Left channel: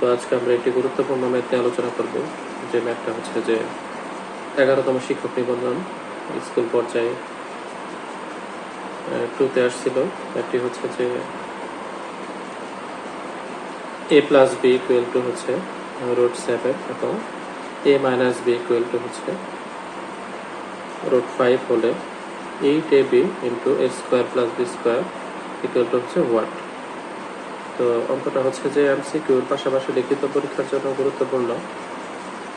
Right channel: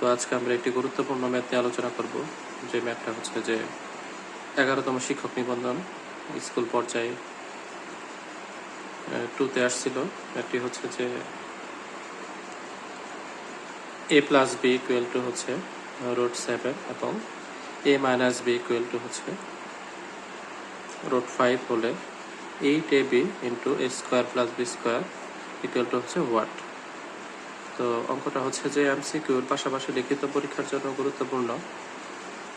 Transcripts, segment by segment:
তো আজকে আমরা একটি গুরুত্বপূর্ণ ম্যাথ আলোচনা করব। যে ম্যাথটা হচ্ছে যে এগারোতম শিক্ষক নিবন্ধন স্কুল পর্যায়ে টুতে আসছিল। ম্যাথটি হচ্ছে যে A plus B equal to হচ্ছে রুট সেভেন এবং A minus B equal to হচ্ছে রুট ফাইভ হলে eight A B into A square plus B square equal to হচ্ছে ওয়াট তো অঙ্কটা হচ্ছে যে এমসিকিউর পাশাপাশি লিখিত পরীক্ষার জন্য গুরুত্বপূর্ণ।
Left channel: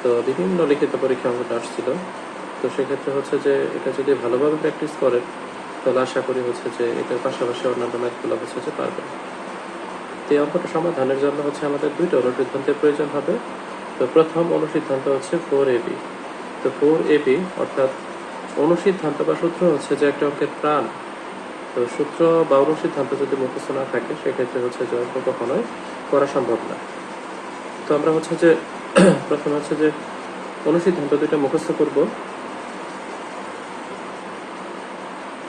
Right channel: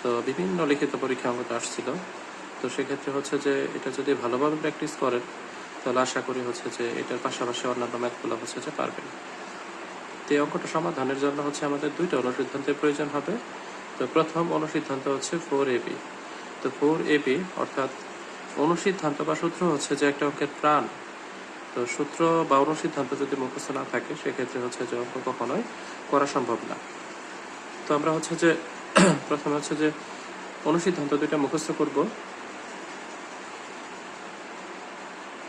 তো বিভিন্ন লিখিত পরীক্ষা অঙ্কটা আসছিল। তো সেক্ষেত্রে হচ্ছে যে এটা যদি ভালোভাবে প্র্যাকটিস করেন, তাহলে আশা করি হচ্ছে যে এটার পাশাপাশি অন্যান্য ম্যাথগুলো হচ্ছে যে পারবেন। তো এই অঙ্কটা সমাধানের জন্য হচ্ছে আমাদের দুইটা অনুসিদ্ধান্তের প্রয়োজন হবে। তো প্রথম অনুসিদ্ধান্ত হচ্ছে ফোর এ বি তো ফোর এ বি অর্থাৎ অনুসিদ্ধান্ত বা সূত্র হচ্ছে যে একটা অঙ্কের প্রাণ তো সূত্র বা অনুসিদ্ধান্ত যদি মুখস্থ না থাকে, সেক্ষেত্রে হচ্ছে যে কখনোই করা সম্ভব না। তো আমরা হচ্ছে যে প্রথম হচ্ছে যে অনুসিদ্ধান্ত দুটো মুখস্থ করব।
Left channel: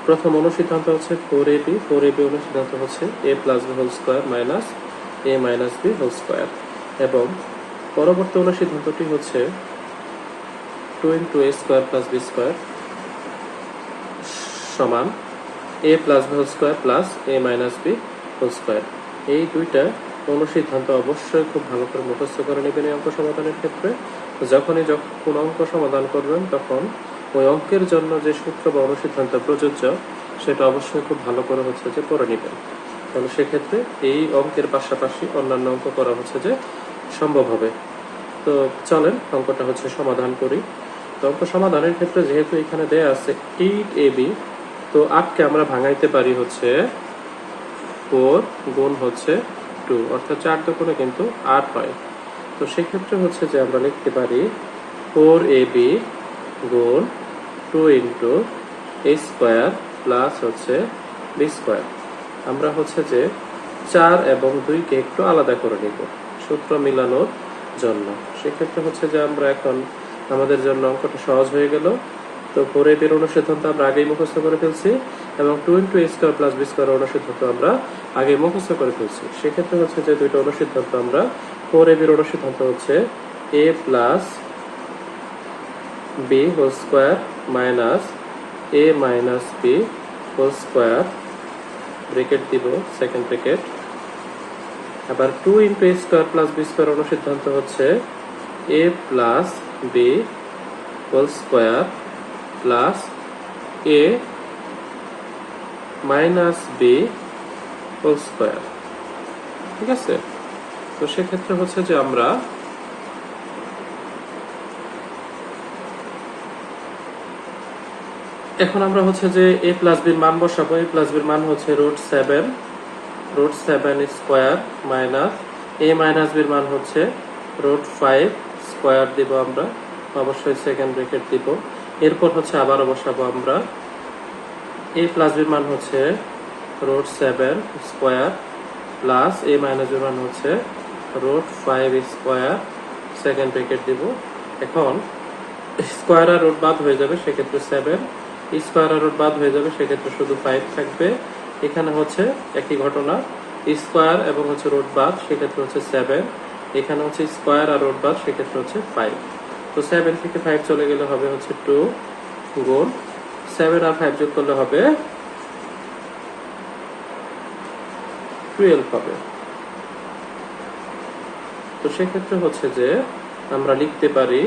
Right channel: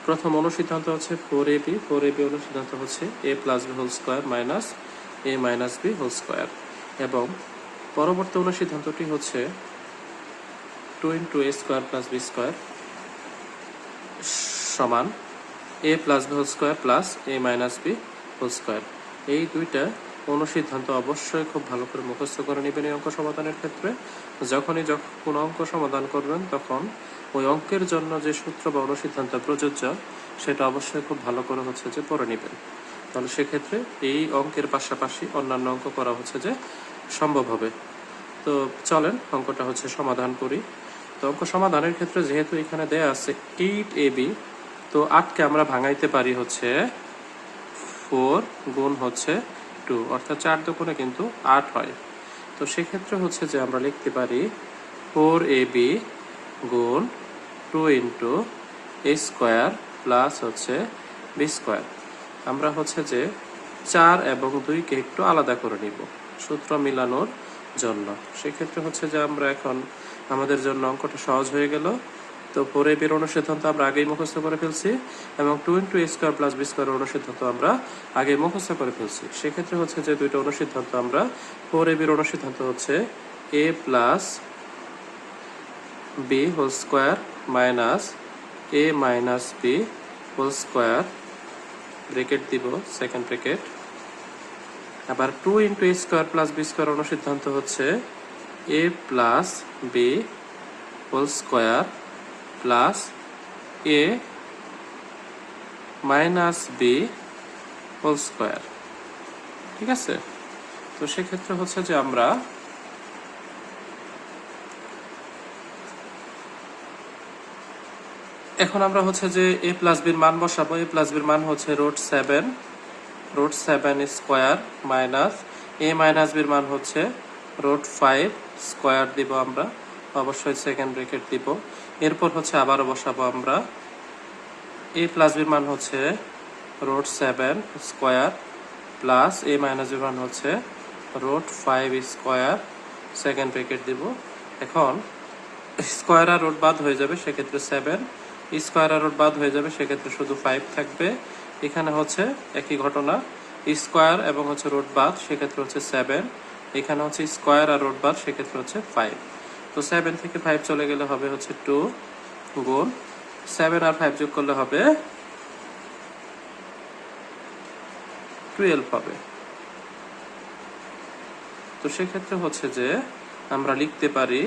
প্রথম অনুসিদ্ধান্ত হচ্ছে four A B four A B অনুসিদ্ধান্ত হচ্ছে A plus B whole square minus A minus B whole square এবং পরবর্তী অনুসিদ্ধান্তটি হচ্ছে two into A square plus B square সমান A plus B whole square plus A minus B whole square এই দুইটা অনুসিদ্ধান্ত অবশ্যই খুব ভালো করে মুখস্থ করে নেবেন এই অঙ্ক সমাধানের ক্ষেত্রে। যখনই যখন কোনো অঙ্ক সমাধান করবেন, তখন ওই অঙ্কের জন্য যে সূত্র বা অনুসিদ্ধান্ত প্রযোজ্য, সেটা অবশ্যই খুব ভালো করে হচ্ছে যে পড়ে নেবেন। তাহলে সেক্ষেত্রে এই অঙ্কের পাশাপাশি অন্যান্য অঙ্ক করা হচ্ছে যে সম্ভব হবে। তো চলেন অঙ্কটা হচ্ছে সমাধান করি। তো অঙ্ক সমাধানের ক্ষেত্রে যেহেতু এখানে দেয়া আছে এইট এ বি তো আটকে আমরা ভাঙাইতে পারি হচ্ছে ফোর গুণ হচ্ছে টু, অর্থাৎ চার দোকানে কিন্তু আট হয়। তো সেক্ষেত্রে হচ্ছে যে আমরা লিখতে পারি ফোর এ বি গুণ two into A square plus হচ্ছে বি স্কোয়ার। আমরা হচ্ছে যে চার এবং দুইকে একটু আলাদা করে নিব সূত্র মিলানোর জন্য। সেক্ষেত্রে হচ্ছে যে আমরা এখন আমাদের জন্য অঙ্কটা সহজ হয়ে গেল। তো ফোর এ বির অনুসিদ্ধান্ত আমরা আগেই মুখস্থ করে ফেলছি এবং two into A square plus B square অনুসিদ্ধান্ত আমরা আগে মুখস্থ করে ফেলছি। সেক্ষেত্রে হচ্ছে যে দুইটা অনুসিদ্ধান্ত আমরা ফোর এ বির অনুসিদ্ধান্ত হচ্ছে A plus B whole square minus A minus B whole square bracket দিব সেকেন্ড ব্রেকেট আবার two into A square plus B square অনুসিদ্ধান্ত হচ্ছে A plus B whole square plus A minus B whole square ঠিক আছে? তো সেক্ষেত্রে হচ্ছে যে আমরা এখন আমরা হচ্ছে যে এ প্লাস বির মান বসাবো। এ প্লাস বির মান হচ্ছে root seven root seven square minus A minus বির মান হচ্ছে রুট ফাইভ স্কোয়ার দিব আমরা। অবশ্যই সেকেন্ড ব্রেকেট দিব। এরপর হচ্ছে আবারও বসাবো আমরা। এ প্লাস বির মান হচ্ছে root seven square plus A minus বির মান হচ্ছে root five square second bracket দিব। এখন স্কোয়ার আর রুট বাদ হয়ে যাবে সেক্ষেত্রে সেভেন স্কোয়ার আর রুট বাদ হয়ে যাবে সেক্ষেত্রে শুধু ফাইভ থাকবে। এখানে হচ্ছে একই ঘটনা স্কোয়ার এবং হচ্ছে রুট বাদ সেক্ষেত্রে হচ্ছে সেভেন এখানে হচ্ছে স্কোয়ার আর রোড বাদ সেক্ষেত্রে হচ্ছে ফাইভ তো সেভেন থেকে ফাইভ চলে গেলে হবে হচ্ছে টু গুণ সেভেন আর ফাইভ যোগ করলে হবে টুয়েলভ হবে। তো সেক্ষেত্রে হচ্ছে যে আমরা লিখতে পারি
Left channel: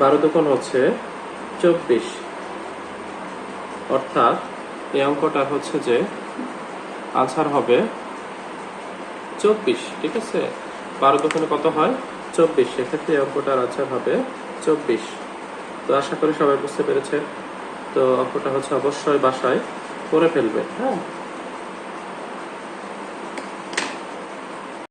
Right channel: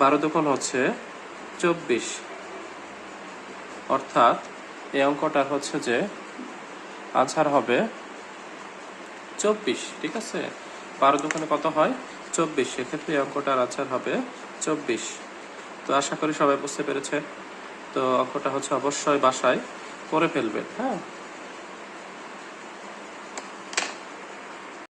বারো দোকান হচ্ছে চব্বিশ। অর্থাৎ এই অঙ্কটা হচ্ছে যে আনসার হবে চব্বিশ, ঠিক আছে? বারো দোকানে কত হয়? চব্বিশ। সেক্ষেত্রে এই অঙ্কটার আচার হবে চব্বিশ। তো আশা করি সবাই বুঝতে পেরেছে। তো অঙ্কটা হচ্ছে অবশ্যই বাসায় করে ফেলবে। হ্যাঁ?